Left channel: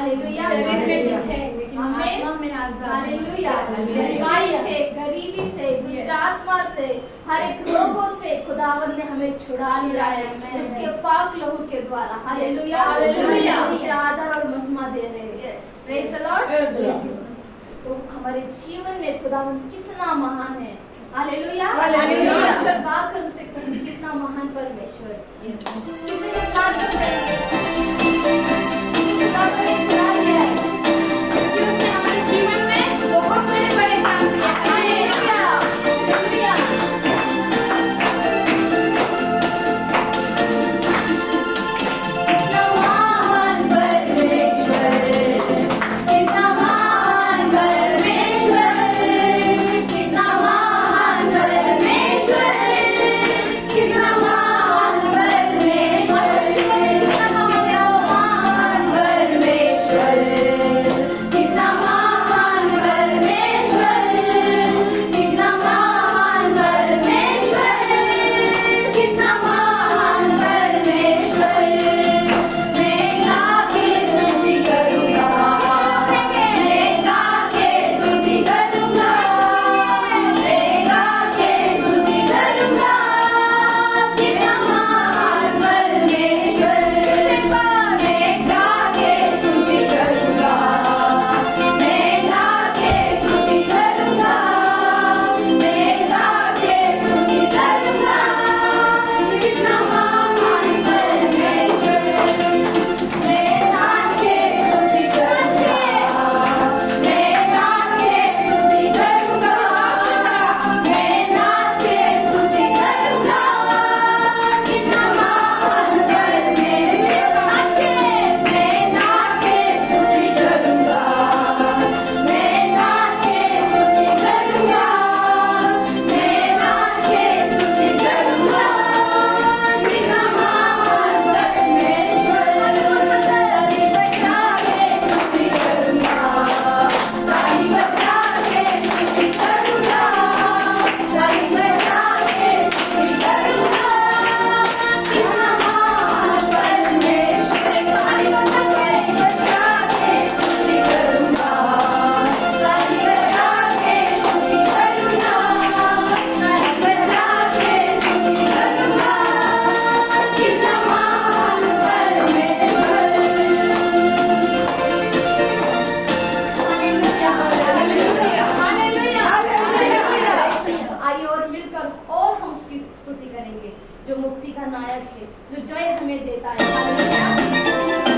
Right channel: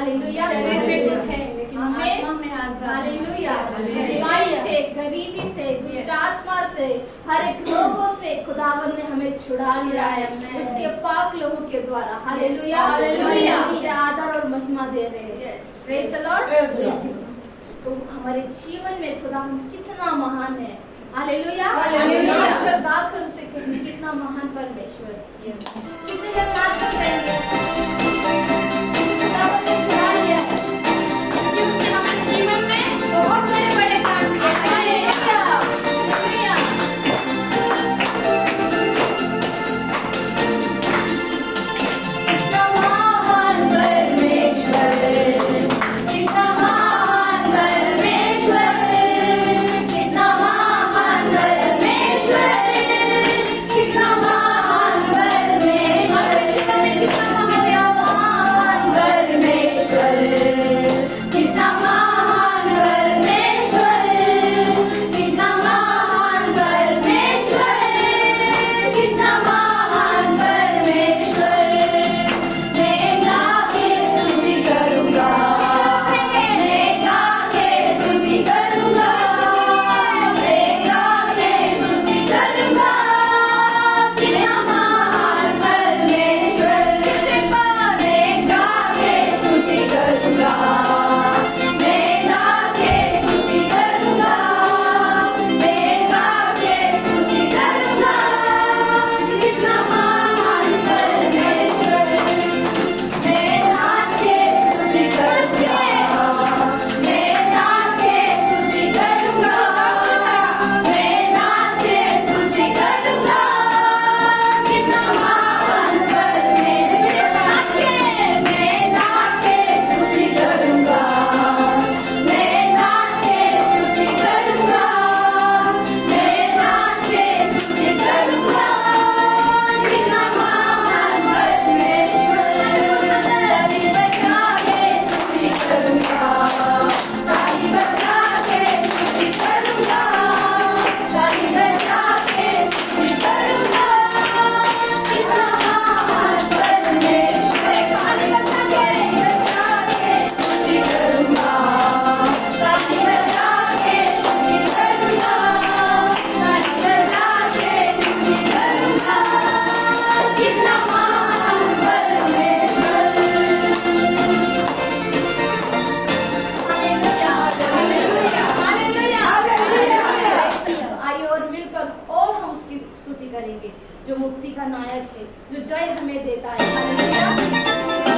हालेलुया। शरीर में दुख है लेकिन आत्मा में आजाद। हालेलुया। बीमारी से, गरीबी से, दुष्ट आत्मा से, हर एक रोगों से खुदावन ने हमें छुड़ा लिया है उसके पाक लहू के द्वारा। हालेलुया। हालेलुया। उसे आदर और महिमा दे रहे हैं। Praise the Lord. तो हमारे जीवन में खुदावन कितना महान है। हालेलुया। हालेलुया। उस पर गाकर उसे कहेंगे कितना महान परमेश्वर है। कितने जन बात कर रहे हैं खुदावन ने छुड़ा लिया है क्योंकि उसने हमारे जीवन में बहुत बड़े बड़े काम किए। हालेलुया। हालेलुया। कितना महान परमेश्वर, कितना महान परमेश्वर, कितना महान परमेश्वर, कितना महान परमेश्वर, जीवन में कितना महान परमेश्वर, कितना महान परमेश्वर, कितना महान परमेश्वर, कितना महान परमेश्वर। मैं गा के स्तुति करूंगा, मैं गा के स्तुति करूंगा, मैं गा के स्तुति करूंगा, कितना महान परमेश्वर। मैं गा के स्तुति करूंगा, मैं गा के स्तुति करूंगा, मैं गा के स्तुति करूंगा, कितना महान परमेश्वर। मैं नाच के स्तुति करूंगा, मैं नाच के स्तुति करूंगा, मैं नाच के स्तुति करूंगा, कितना महान परमेश्वर। नाच के, मैं नाच के स्तुति करूंगा, मैं नाच के स्तुति करूंगा, मैं नाच के स्तुति करूंगा, कितना महान परमेश्वर। ताली बजा के स्तुति करूंगा, ताली बजा के स्तुति करूंगा, ताली बजा के स्तुति करूंगा, कितना महान परमेश्वर। ताली बजा के स्तुति करूंगा, ताली बजा के स्तुति करूंगा, ताली बजा के स्तुति करूंगा, कितना महान परमेश्वर। हालेलुया। हालेलुया। हालेलुया। आइए और मिलकर और हम उसकी स्तुति करेंगे जो मुक्ति का नायक है, जो जय हमें देता है। हालेलुया।